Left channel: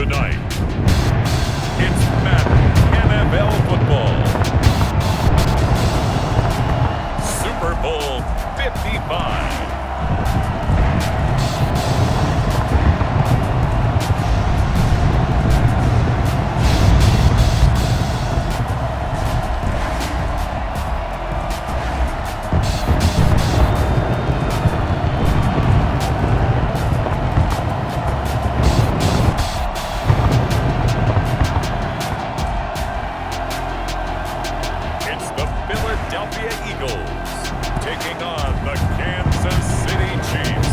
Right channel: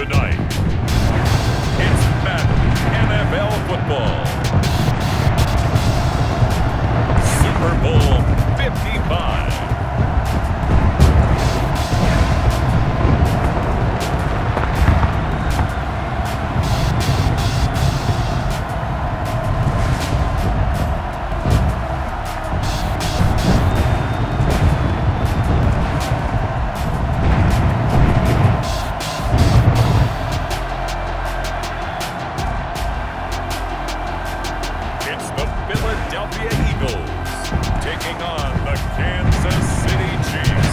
Tonight, it's Madden NFL football. Super Bowl 55. It's the Philadelphia Eagles taking on the Kansas City Chiefs.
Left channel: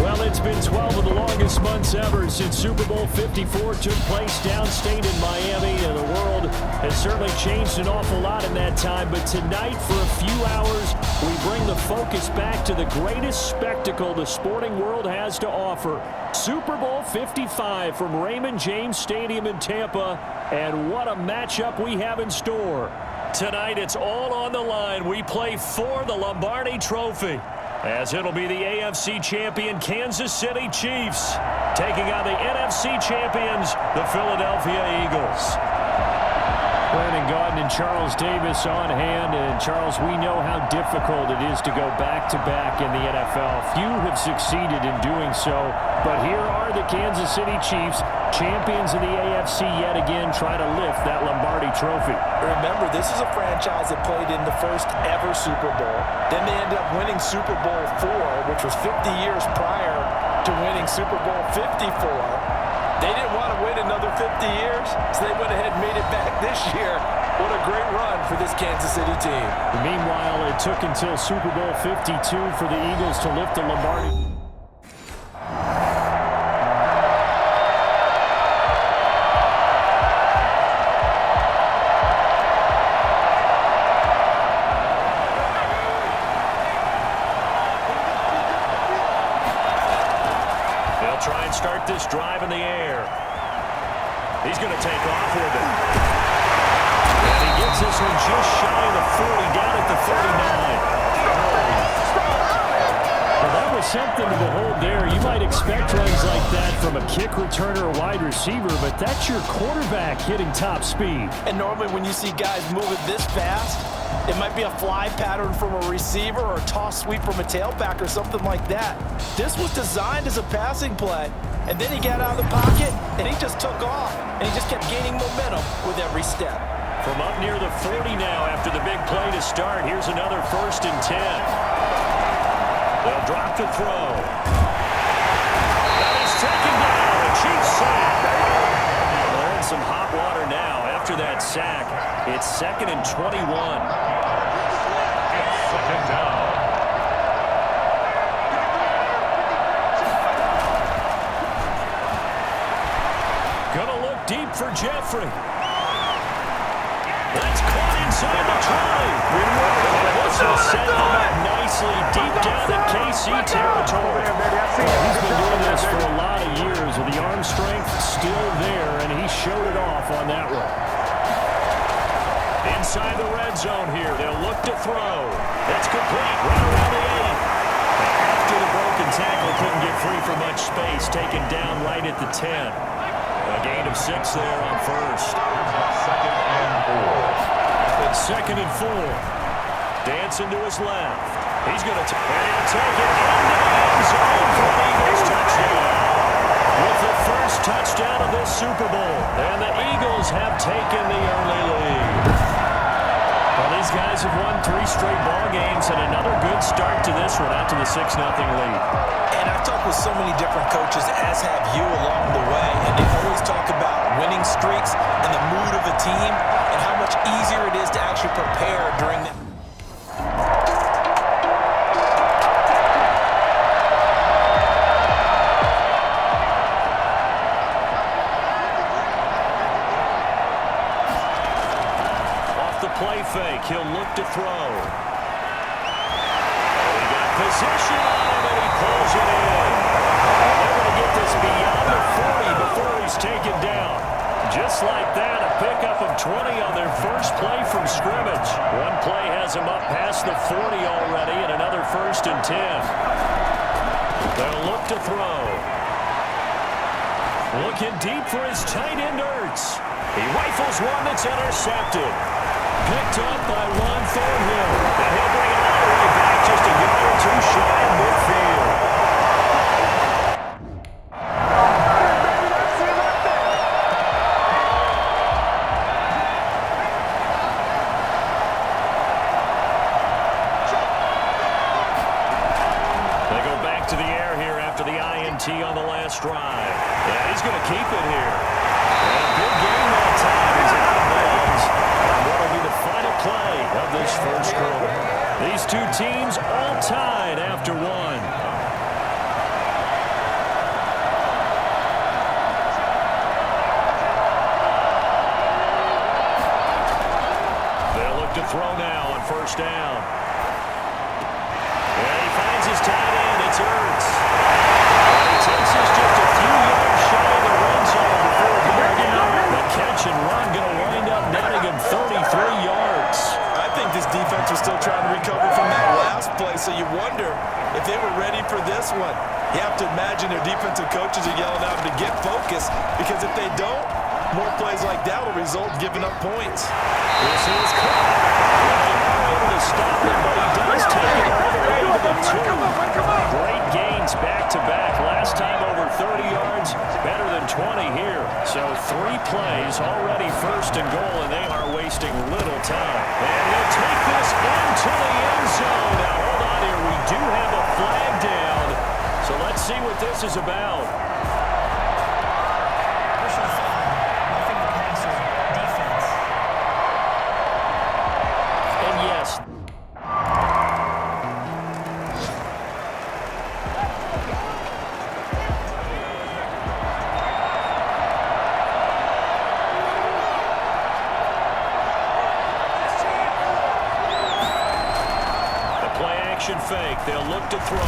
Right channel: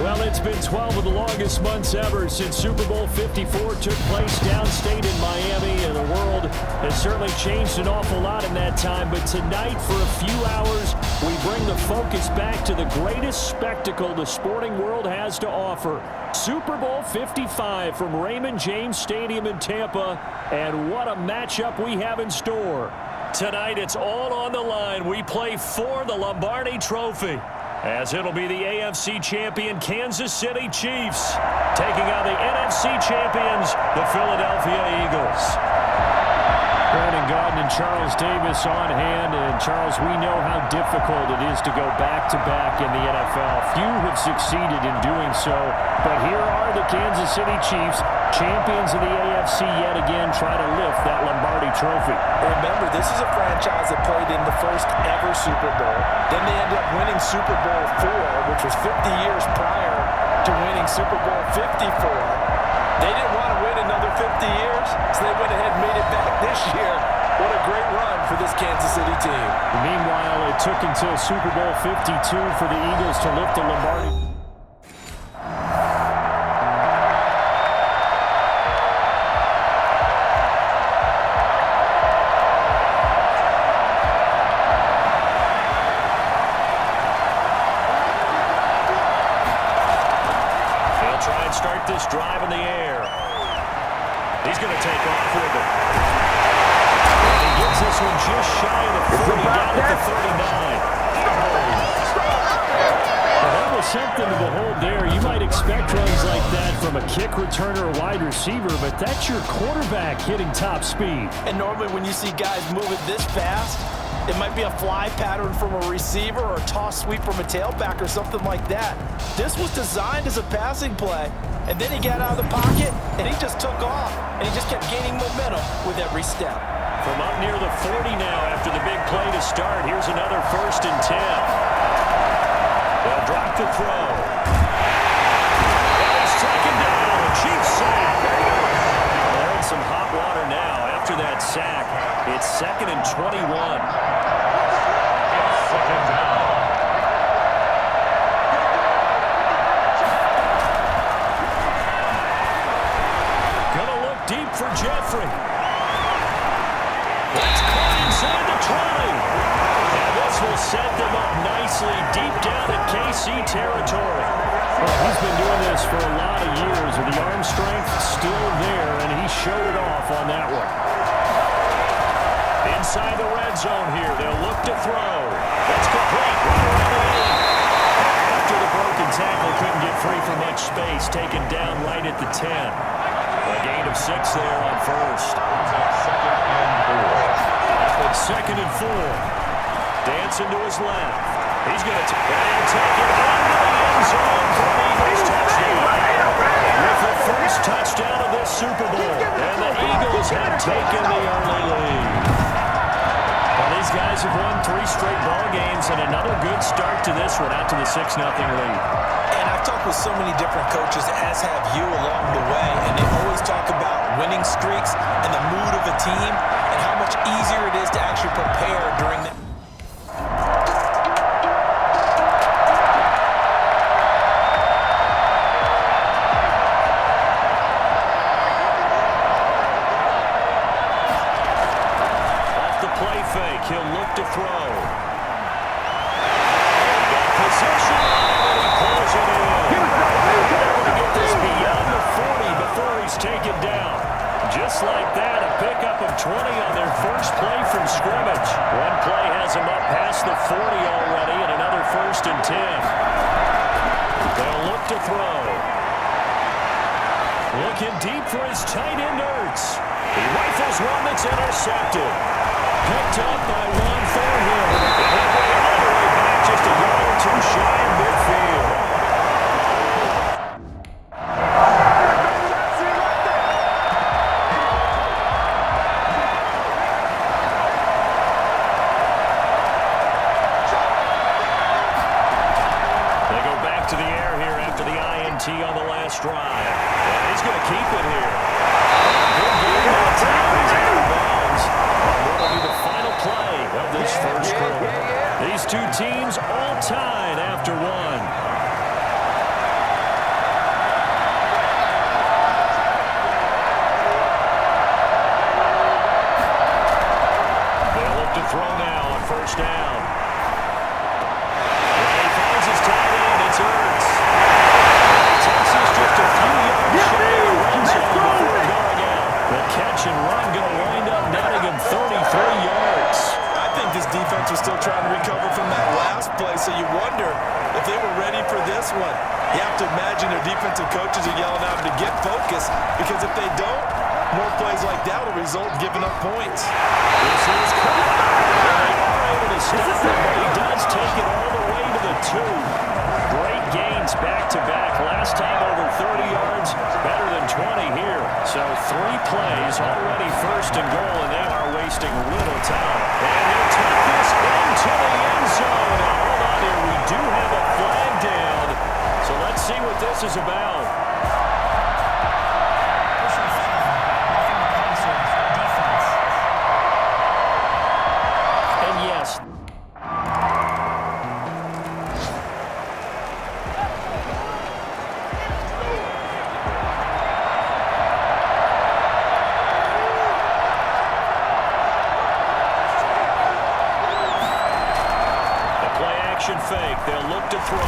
Well, it's been 12 of the longest months ever since Super Bowl 54 took place downstate in Miami, and the world has certainly changed an awful lot in that time. But tonight, for a few hours, we bring the focus back to the greatest spectacle the sporting world has to offer. Super Bowl 55 from Raymond James Stadium in Tampa, and what a matchup we have in store. Tonight, it's all on the line. We play for the Lombardi Trophy, as it'll be the AFC champion Kansas City Chiefs taking on the NFC champions, the Philadelphia Eagles. Brandon Gaudin and Charles Davis on hand. And Charles, we know how difficult it is to go back-to-back in the NFL. Few have succeeded in doing so, but here are the Kansas City Chiefs, champions of the AFC yet again, try to lift that Lombardi Trophy. Remember, this is a franchise that played in the first ever Super Bowl. Then they ended up winning Super Bowl IV, which was 50 years prior to winning Super Bowl 54. They didn't want to win another 50 years, so they went ahead and made it back this year. What a great run for this Kansas City team. Meanwhile, it took until Super Bowl 52 for the Eagles to lift the Lombardi. They'll try and start this drive in the air. He's going to take off with it. And he gets this one just shy of the 40, down at the 39. Well, that was something to behold there. You might expect runs like that from a kick returner or wide receiver, but that's your quarterback hitting top speed. And normally when you see guys move it this fast, it might be a fly pattern from a receiver or a toss sweep from a tailback or something like that. This was designed as a passing play, and then he got out of the pocket, and he just took off, and he just kept gaining momentum with every step. From up near the 40 now after the big play to start, here's another 1st and 10. They'll drop the throw. And he's taken down, a Chiefs sack. Well, they're in some hot water now after that sack. It's 2nd and 21. It's 2nd down. Gonna look deep for Jeffrey. That's caught inside the 20. And this will set them up nicely deep down in KC territory. Well, he's been doing this for a lot of years with the arm strength still there, and he showed it off on that one. Inside the red zone here, they'll look to throw. That's complete, right around the 8. After the broken tackle, couldn't get free for much space, taken down right at the 10. A gain of 6 there on first. 2nd and 4. 2nd and 4. Dancing to his left. He's going to he'll take it into the end zone for an Eagles touchdown. With the first touchdown of this Super Bowl. And the Eagles have taken the early lead. Well, these guys have won 3 straight ball games, and another good start to this one out to the 6-0 lead. And I've talked with so many different coaches, as have you, along the way, and they always talk about winning streaks and the mood of a team and how much easier it is to actually prepare during the... Play fake. He'll look to throw. Oh, he got position on him, and he pulls it in. And they're going to get this beyond the 40 before he's taken down. Just like that, a pickup of 20 on their first play from scrimmage. One play has him up past the 40 already, and another 1st and 10. They'll look to throw. Looking deep for his tight end, Ertz. He rifles one that's intercepted. Picked up by Juan Thornhill. And he'll bring it all the way back just a yard or two shy of midfield. They go back to the air here after the INT on the last drive. And he's going to keep it here. And a big game that time. He's out of bounds on what will be the final play of this first quarter. These two teams all tied after one. They'll look to throw now on first down. And he finds his tight end. It's Ertz. And he takes us just a few yards shy of the red zone before going out. The catch and run going to wind up netting him 33 yards. I think this defense was still trying to recover from that last play, so you wonder if they were ready for this one. You have to imagine their defensive coaches are yelling at them to get focused, because if they don't, more plays like that will result in giving up points. This is caught. And they are able to stop it, but he does take it all the way to the 2. Great gains back-to-back. Last time over 30 yards, better than 20 here. So 3 plays, already first and goal, and they are wasting little time. And he'll take this into the end zone. Now, hold on here. We do have a flag down. So let's see what this is about. And yes. The play-action fake. They'll look to throw.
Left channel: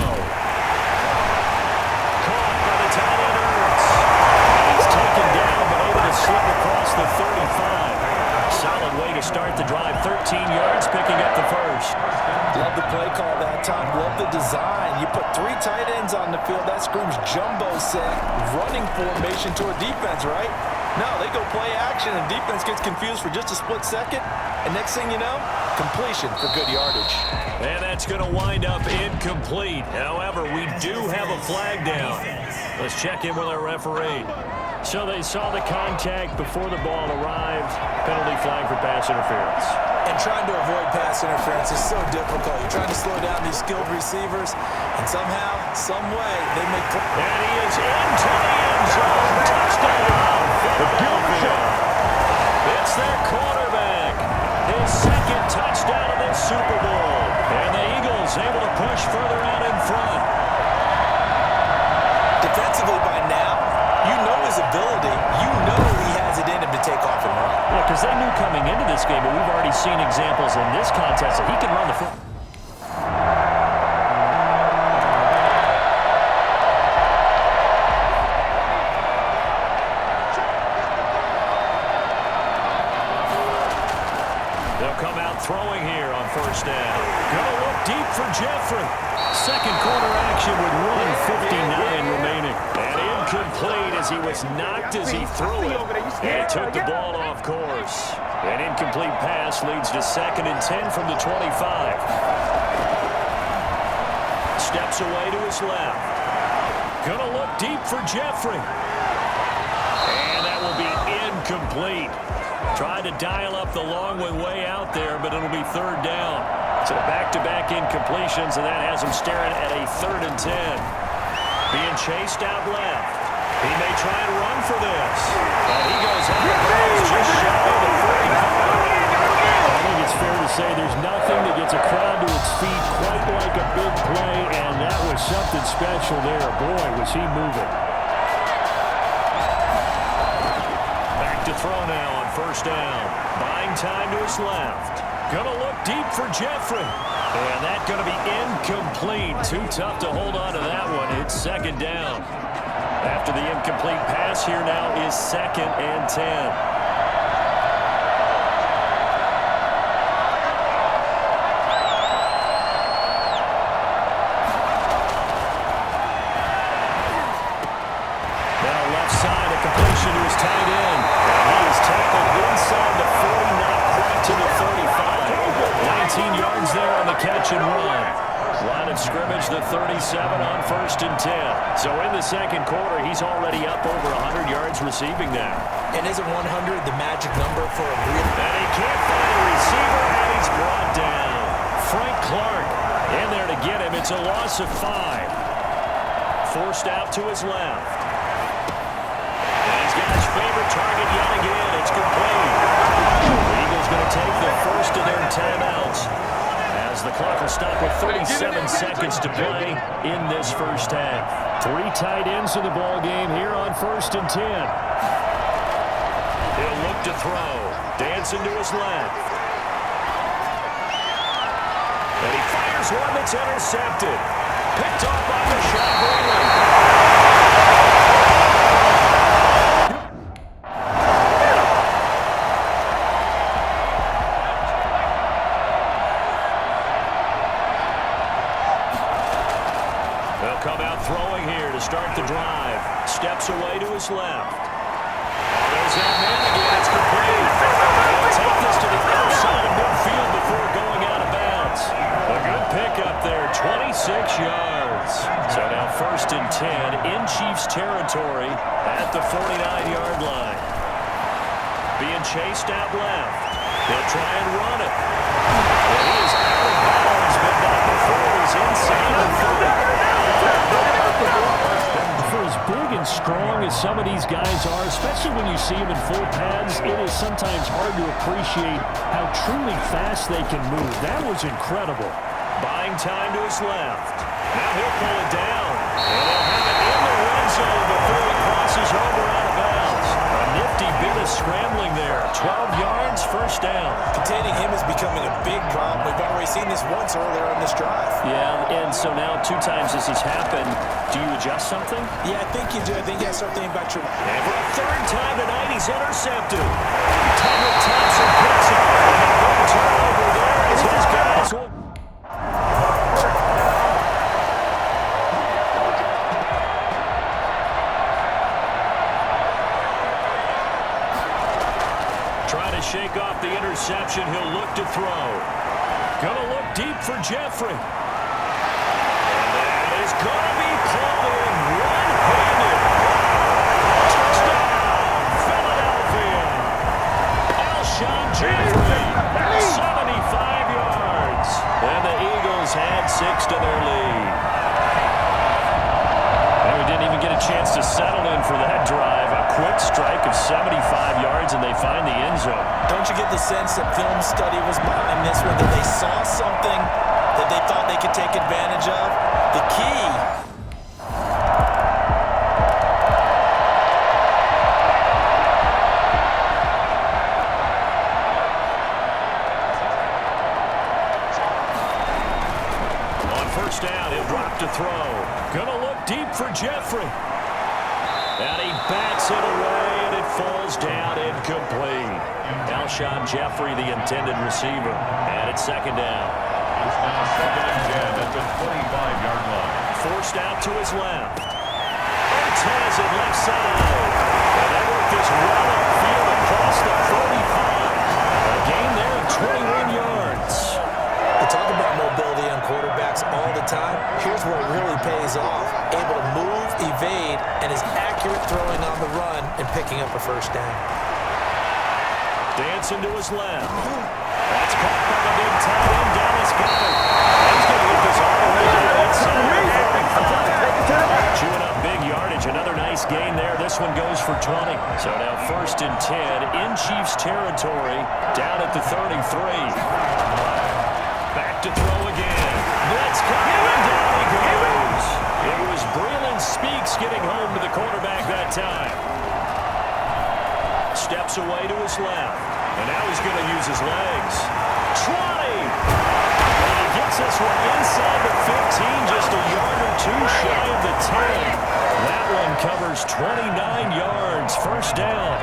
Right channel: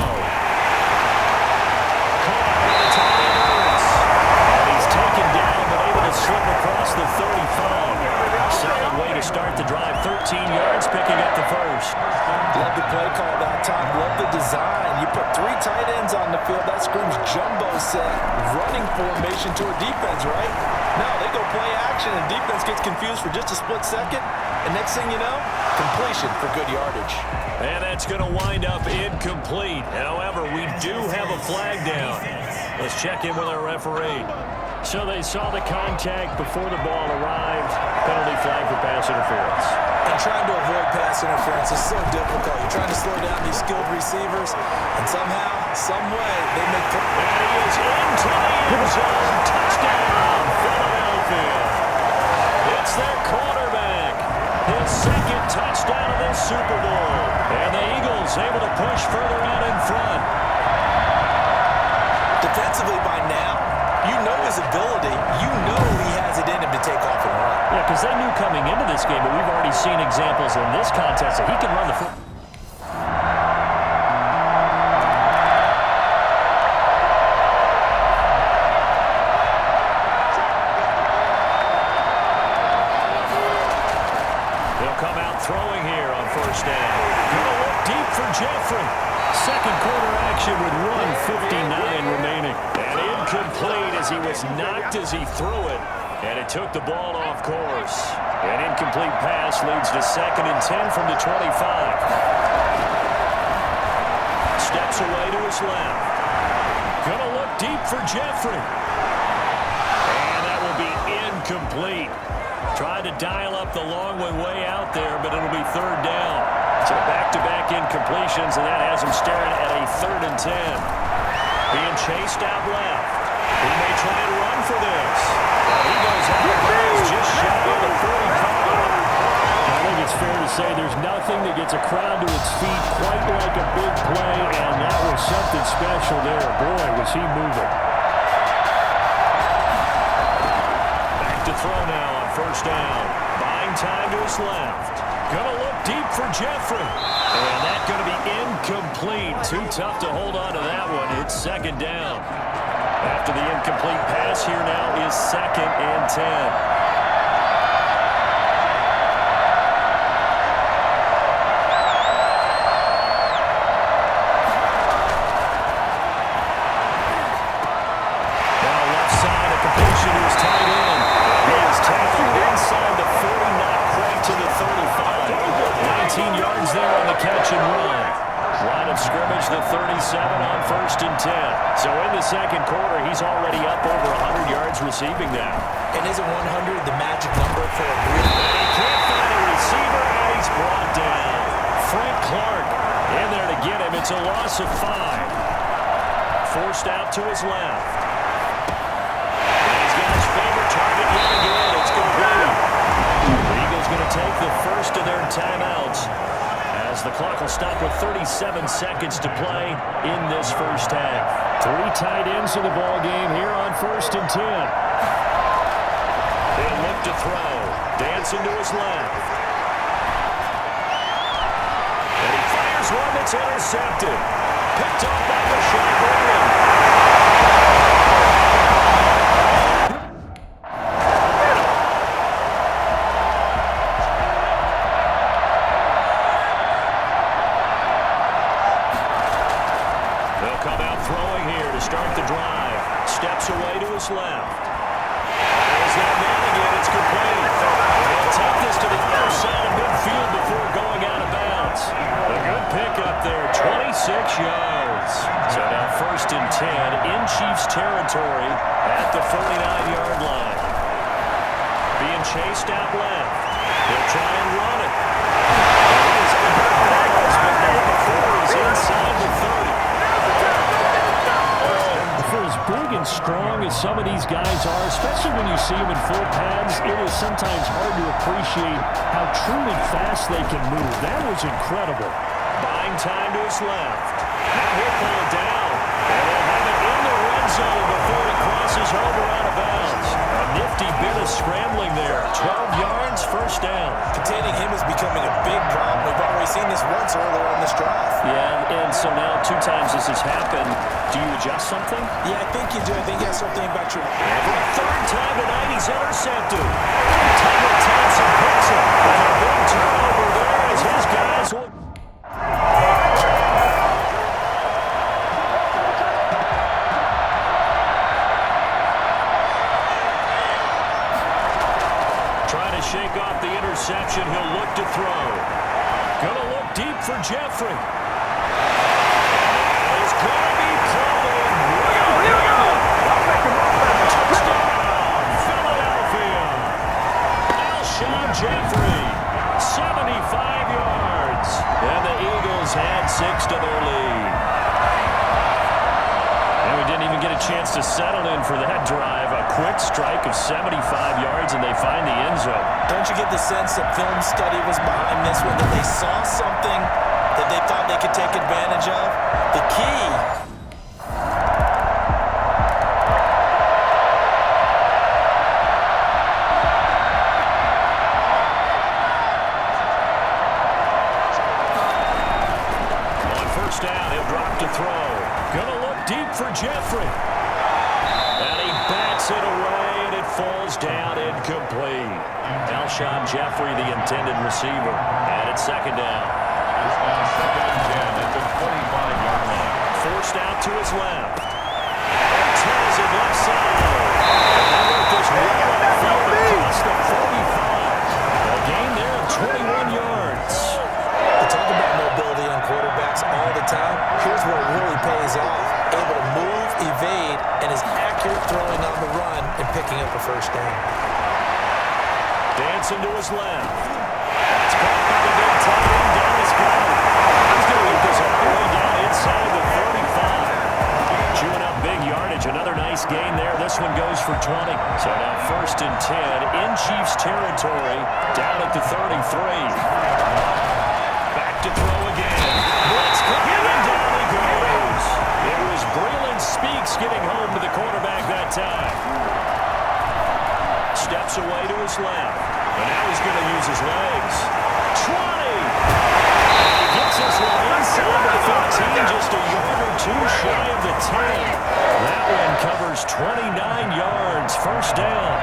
Caught by the tight end, Ertz. And he's taken down, but able to slip across the 35. Solid way to start the drive. 13 yards, picking up the first. Love the play call that time. Love the design. You put 3 tight ends on the field. That screams jumbo set, running formation to a defense, right? No, they go play action, and defense gets confused for just a split second. And next thing you know, completion for good yardage. And that's going to wind up incomplete. However, we do have a flag down. Let's check in with our referee. So they saw the contact before the ball arrived. Penalty flag for pass interference. And trying to avoid pass interference is so difficult. You're trying to slow down these skilled receivers, and somehow, some way, they make... And he is into the end zone. Touchdown, Philadelphia. It's their quarterback. His second touchdown of this Super Bowl. And the Eagles able to push further out in front. Defensively by now, you know his ability. You know he has it in him to take off and run. Yeah, because they knew coming into this game, but we've already seen examples in this contest that he can run the foot. They'll come out throwing here on first down. Gonna look deep for Jeffrey. Second quarter action with 1:59 remaining. And incomplete as he was knocked as he threw it. And it took the ball off course. An incomplete pass leads to 2nd and 10 from the 25. Steps away to his left. Gonna look deep for Jeffrey. And that will be incomplete. Tried to dial up the long one way out there, but it'll be 3rd down. So back-to-back incompletions, and that has him staring at a 3rd and 10. Being chased out left. He may try and run for this. But he goes out of bounds just shy of the 45. I think it's fair to say there's nothing that gets a crowd to its feet quite like a big play, and that was something special there. Boy, was he moving. Back to throw now on first down. Buying time to his left. Gonna look deep for Jeffrey. And that's gonna be incomplete. Too tough to hold on to that one. It's 2nd down. After the incomplete pass, here now is 2nd and 10. Now left side motion to his tight end. And he is tackled inside the 40, not quite to the 35. 19 yards there on the catch and run. Line of scrimmage, the 37 on 1st and 10. So in the second quarter, he's already up over 100 yards receiving now. And isn't 100 the magic number for a really... And he can't find a receiver, and he's brought down. Frank Clark in there to get him. It's a loss of 5. Forced out to his left. And he's got his favorite target yet again. It's complete. The Eagles going to take the first of their timeouts as the clock will stop with 37 seconds to play in this first half. 3 tight ends in the ball game here on 1st and 10. He'll look to throw. Dancing to his left. And he fires one that's intercepted. Picked off by Rashawn Breeland. They'll come out throwing here to start the drive. Steps away to his left. There's that man again. It's complete. They'll take this to the other side of midfield before going out of bounds. A good pickup there, 26 yards. So now 1st and 10 in Chiefs territory at the 49-yard line. Being chased out left. He'll try and run it. And he is out of bounds, but not before he's inside the 30. For as big and strong as some of these guys are, especially when you see them in full pads, it is sometimes hard to appreciate how truly fast they can move. That was incredible. Buying time to his left. Now he'll pull it down, and they'll have it in the red zone before he crosses over out of bounds. A nifty bit of scrambling there. 12 yards, first down. Containing him is becoming a big problem. We've already seen this once earlier in this drive. Yeah, and so now 2 times this has happened. Do you adjust something? Yeah, I think you do. I think you have something about your... And for a 3rd time tonight, he's intercepted. Tugler Thompson picks it. And a big turnover there as his guys will... Trying to shake off the interception. He'll look to throw. Gonna look deep for Jeffrey. And that is gonna be pulled in right-handed. Touchdown, Philadelphia. Alshon Jeffrey, 75 yards. And the Eagles had 6 to their lead. And we didn't even get a chance to settle in for that drive. A quick strike of 75 yards, and they find the end zone. Don't you get the sense that film study was behind this one, that they saw something that they thought they could take advantage of? The key... First down, he'll drop to throw. Gonna look deep for Jeffrey. And he bats it away, and it falls down incomplete. Alshon Jeffrey, the intended receiver. And it's 2nd down. It's now 2nd and 10 at the 25-yard line. Forced out to his left. Ortez at left side. And they work this well upfield across the 45. A gain there of 21 yards. We talk about mobility on quarterbacks all the time. Here's where it really pays off. Able to move, evade, and is accurate throwing on the run and picking up a first down. Dancing to his left. That's caught by the big tight end, Dallas Goedert. He's going to get this all the way down inside the 35. Chewing up big yardage. Another nice gain there. This one goes for 20. So now 1st and 10 in Chiefs territory, down at the 33. Back to throw again. Blitz coming, and down he goes. It was Breeland Speaks getting home to the quarterback that time. Steps away to his left. And now he's going to use his legs. 20! And he gets this one inside the 15, just a yard or 2 shy of the 10. That one covers 29 yards. First down.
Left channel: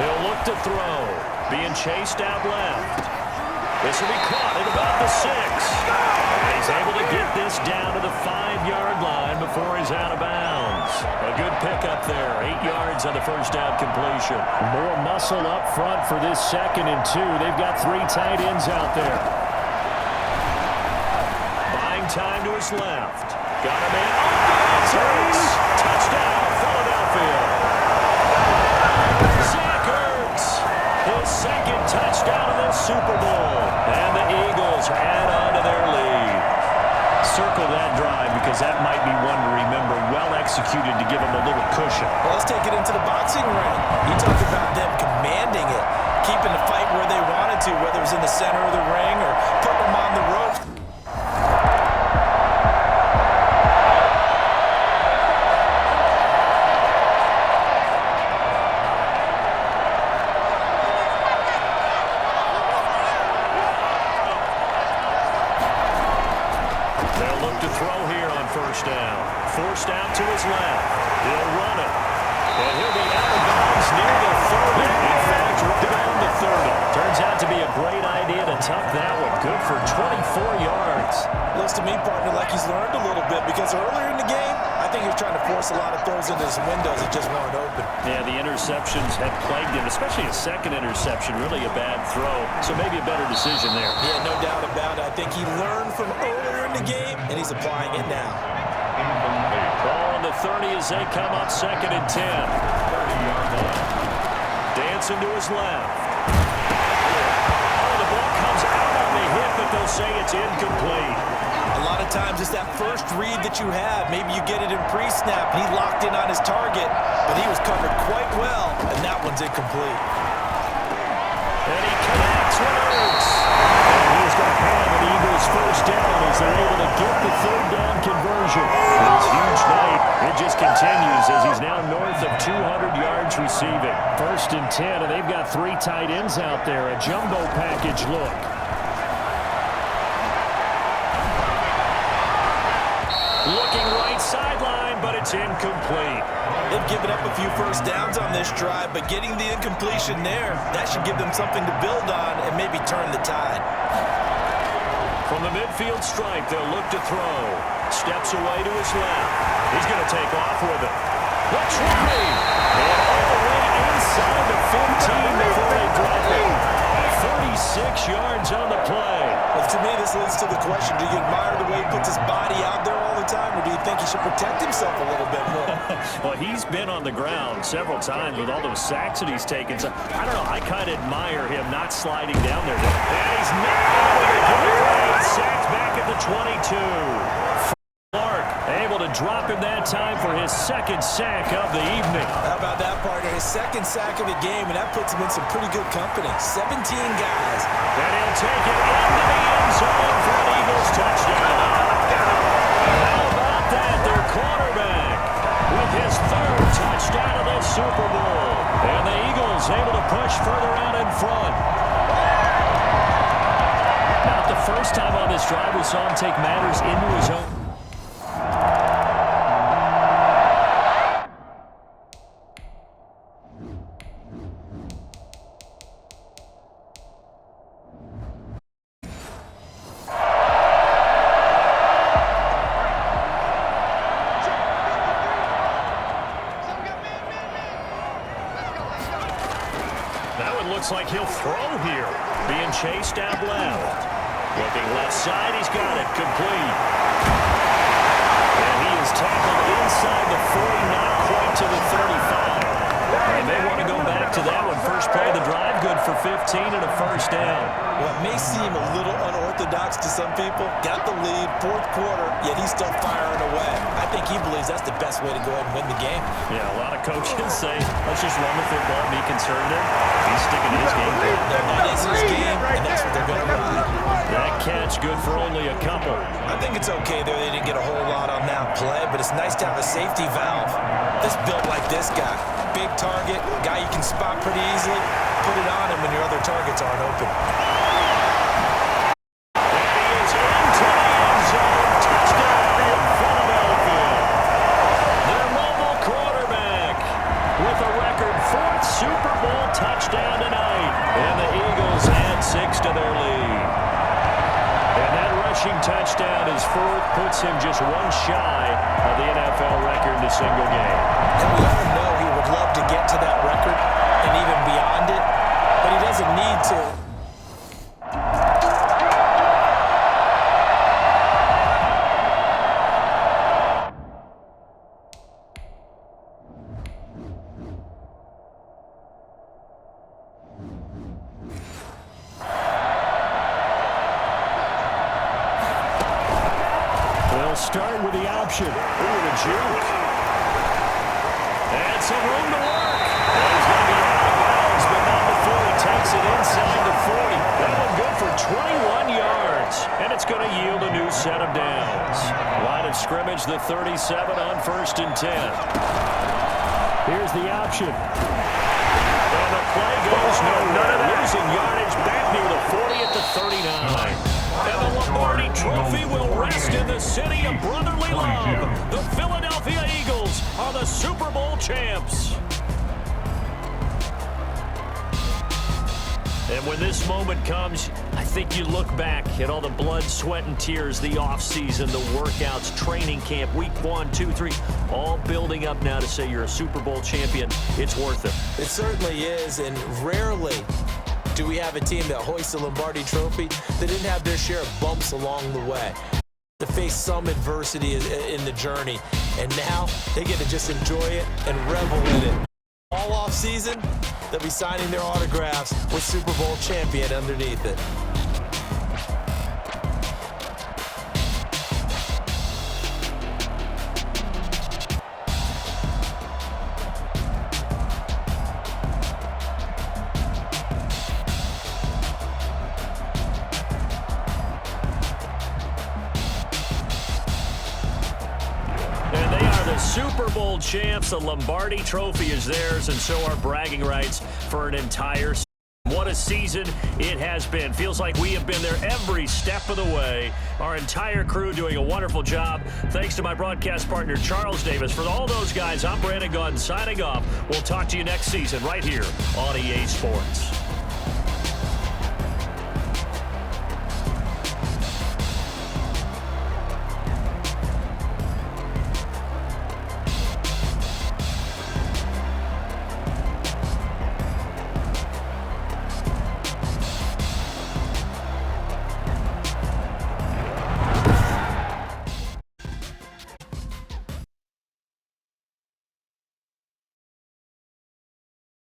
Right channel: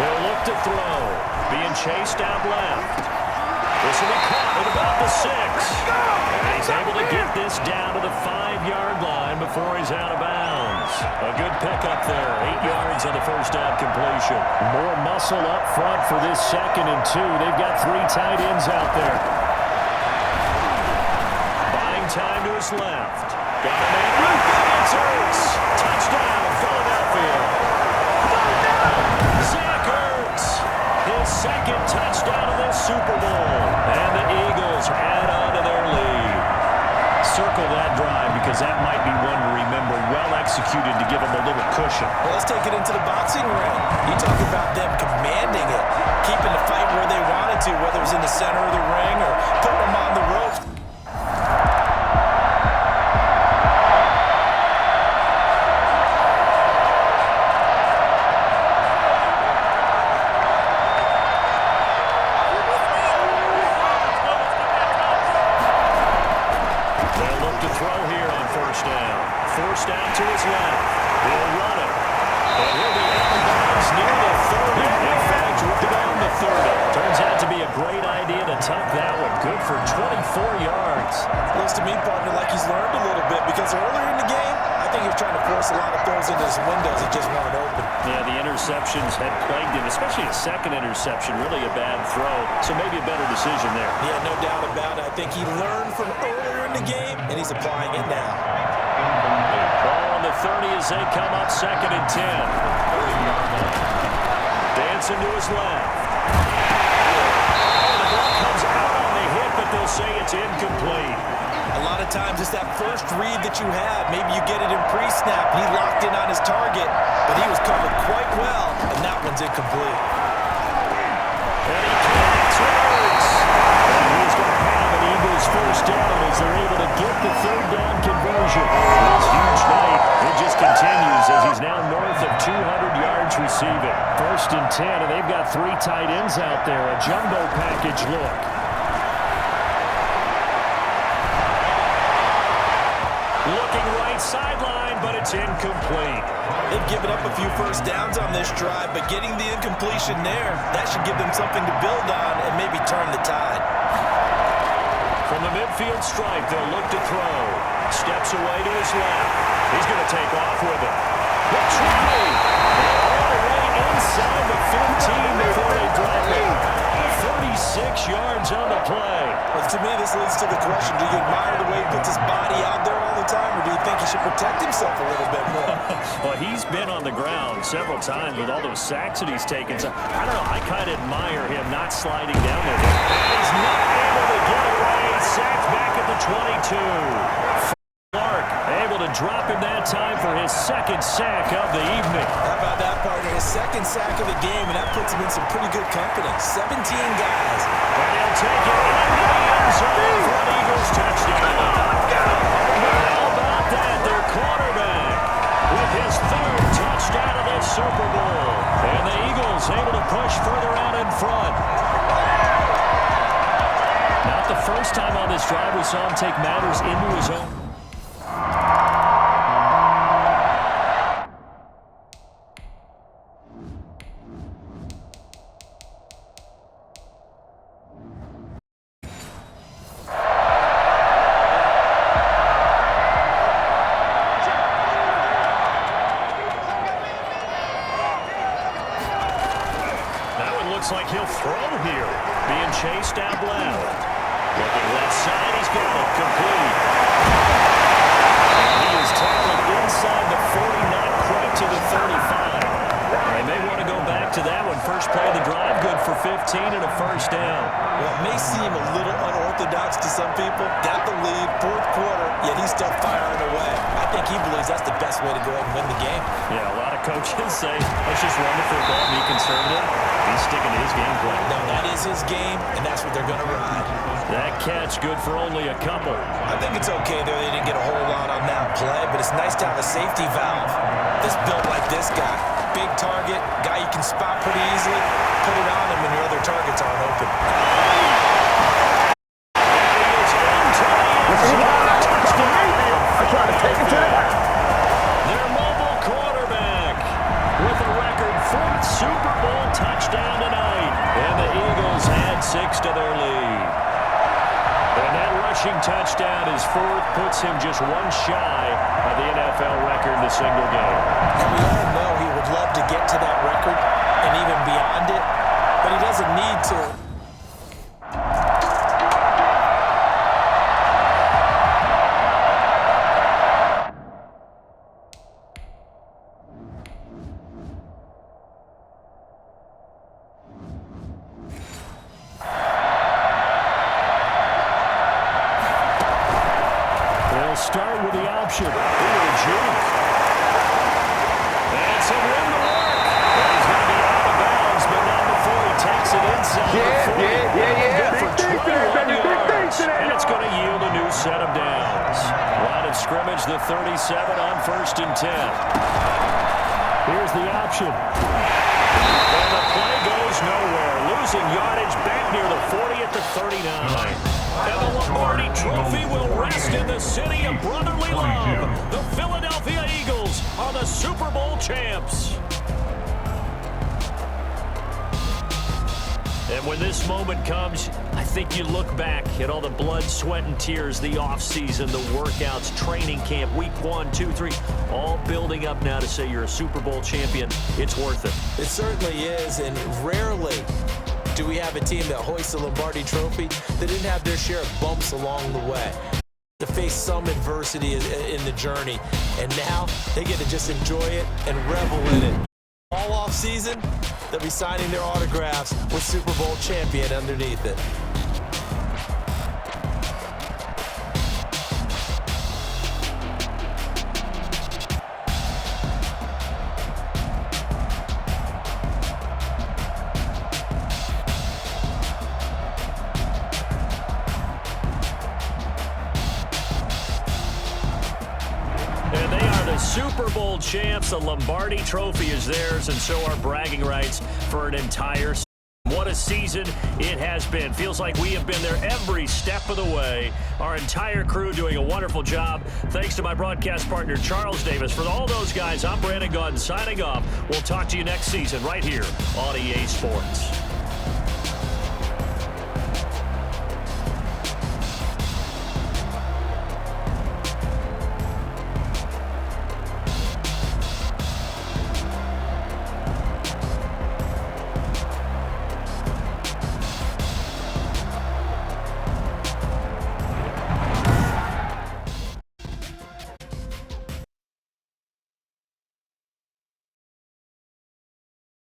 He'll look to throw. Being chased out left. This will be caught at about the 6. And he's able to get this down to the 5 5-yard line before he's out of bounds. A good pickup there. 8 yards on the first down completion. More muscle up front for this 2nd and 2. They've got 3 tight ends out there. Buying time to his left. Got a man open. It's Ertz. Touchdown, Philadelphia. Zach Ertz. His 2nd touchdown of this Super Bowl. And the Eagles add on to their lead. Circle that drive because that might be one to remember. Well executed to give them a little cushion. Well, let's take it into the boxing ring. You talk about them commanding it, keeping the fight where they wanted to, whether it was in the center of the ring or putting them on the ropes. Forced out to his left. He'll run it. And he'll be out of bounds near the 30. In fact, right on the 30. Turns out to be a great idea to tuck that one. Good for 24 yards. Looks to me, partner, like he's learned a little bit because earlier in the game, I think he was trying to force a lot of throws into his windows that just weren't open. Yeah, the interceptions had plagued him, especially a 2nd interception. Really a bad throw, so maybe a better decision there. Yeah, no doubt about it. I think he learned from earlier in the game, and he's applying it now. Ball on the 30 as they come up 2nd and 10. 30-yard line. Dancing to his left. Oh, the ball comes out on the hit, but they'll say it's incomplete. A lot of times it's that first read that you have. Maybe you get it in pre-snap. He locked in on his target, but he was covered quite well, and that one's incomplete. And he connects with Ertz. And he's going to have an Eagles first down as they're able to get the 3rd down conversion. This huge night, it just continues as he's now north of 200 yards receiving. 1st and 10, and they've got 3 tight ends out there. A jumbo package look. Looking right sideline, but it's incomplete. They've given up a few first downs on this drive, but getting the incompletion there, that should give them something to build on and maybe turn the tide. From the midfield stripe, they'll look to throw. Steps away to his left. He's going to take off with it. The 20. And all the way inside the 15 before they drop it. 36 yards on the play. Well, to me, this leads to the question, do you admire the way he puts his body out there all the time, or do you think he should protect himself a little bit more? Well, he's been on the ground several times with all those sacks that he's taken. So, I don't know, I kind of admire him not sliding down there. And he's not able to get away. Sacked back at the 22. Able to drop him that time for his 2nd sack of the evening. How about that, partner? His 2nd sack of the game, and that puts him in some pretty good company. 17 guys. And he'll take it into the end zone for an Eagles touchdown. How about that? Their quarterback with his 3rd touchdown of this Super Bowl. And the Eagles able to push further out in front. Not the first time on this drive we saw him take matters into his own. Looks like he'll throw here. Being chased out left. Looking left side, he's got it. Complete. And he is tackled inside the 40, not quite to the 35. They may want to go back to that one. First play of the drive, good for 15 and a first down. Well, it may seem a little unorthodox to some people. Got the lead, 4th quarter, yet he's still firing away. I think he believes that's the best way to go ahead and win the game. Yeah, a lot of coaches say, let's just run the football, be conservative. He's sticking to his game plan. No, that is his game, and that's what they're going to ride. That catch good for only a couple. I think it's okay there. They didn't get a whole lot on that play, but it's nice to have a safety valve. This built like this guy. Big target, guy you can spot pretty easily. Put it on him when your other targets aren't open. And he is into the end zone. Touchdown, Philadelphia. Their mobile quarterback with a record 4th Super Bowl touchdown tonight. And the Eagles add 6 to their lead. And that rushing touchdown, his fourth, puts him just one shy of the NFL record in a single game. And we all know he would love to get to that record and even beyond it, but he doesn't need to. They'll start with the option. Ooh, the juke. And some room to work. And he's going to be out of bounds, but not before he takes it inside the 40. And good for 21 yards. And it's going to yield a new set of downs. Line of scrimmage, the 37 on 1st and 10. Here's the option. And the play goes nowhere. Losing yardage back near the 40 at the 39. And the Lombardi Trophy will rest in the city of brotherly love. The Philadelphia Eagles are the Super Bowl champs. And when this moment comes, I think you look back at all the blood, sweat, and tears, the offseason, the workouts, training camp, week 1, 2, 3, all building up now to say you're a Super Bowl champion. It's worth it. It certainly is, and rarely do we have a team that hoists a Lombardi Trophy that didn't have their share of bumps along the way, to face some adversity in the journey, and now they get to just enjoy it and revel in it. All off season, they'll be signing their autographs with Super Bowl champion underneath it. And they are the Super Bowl champs. The Lombardi Trophy is theirs, and so are bragging rights for an entire season. What a season it has been. Feels like we have been there every step of the way. Our entire crew doing a wonderful job. Thanks to my broadcast partner, Charles Davis. For all those guys, I'm Brandon Gaudin signing off. We'll talk to you next season right here on EA Sports.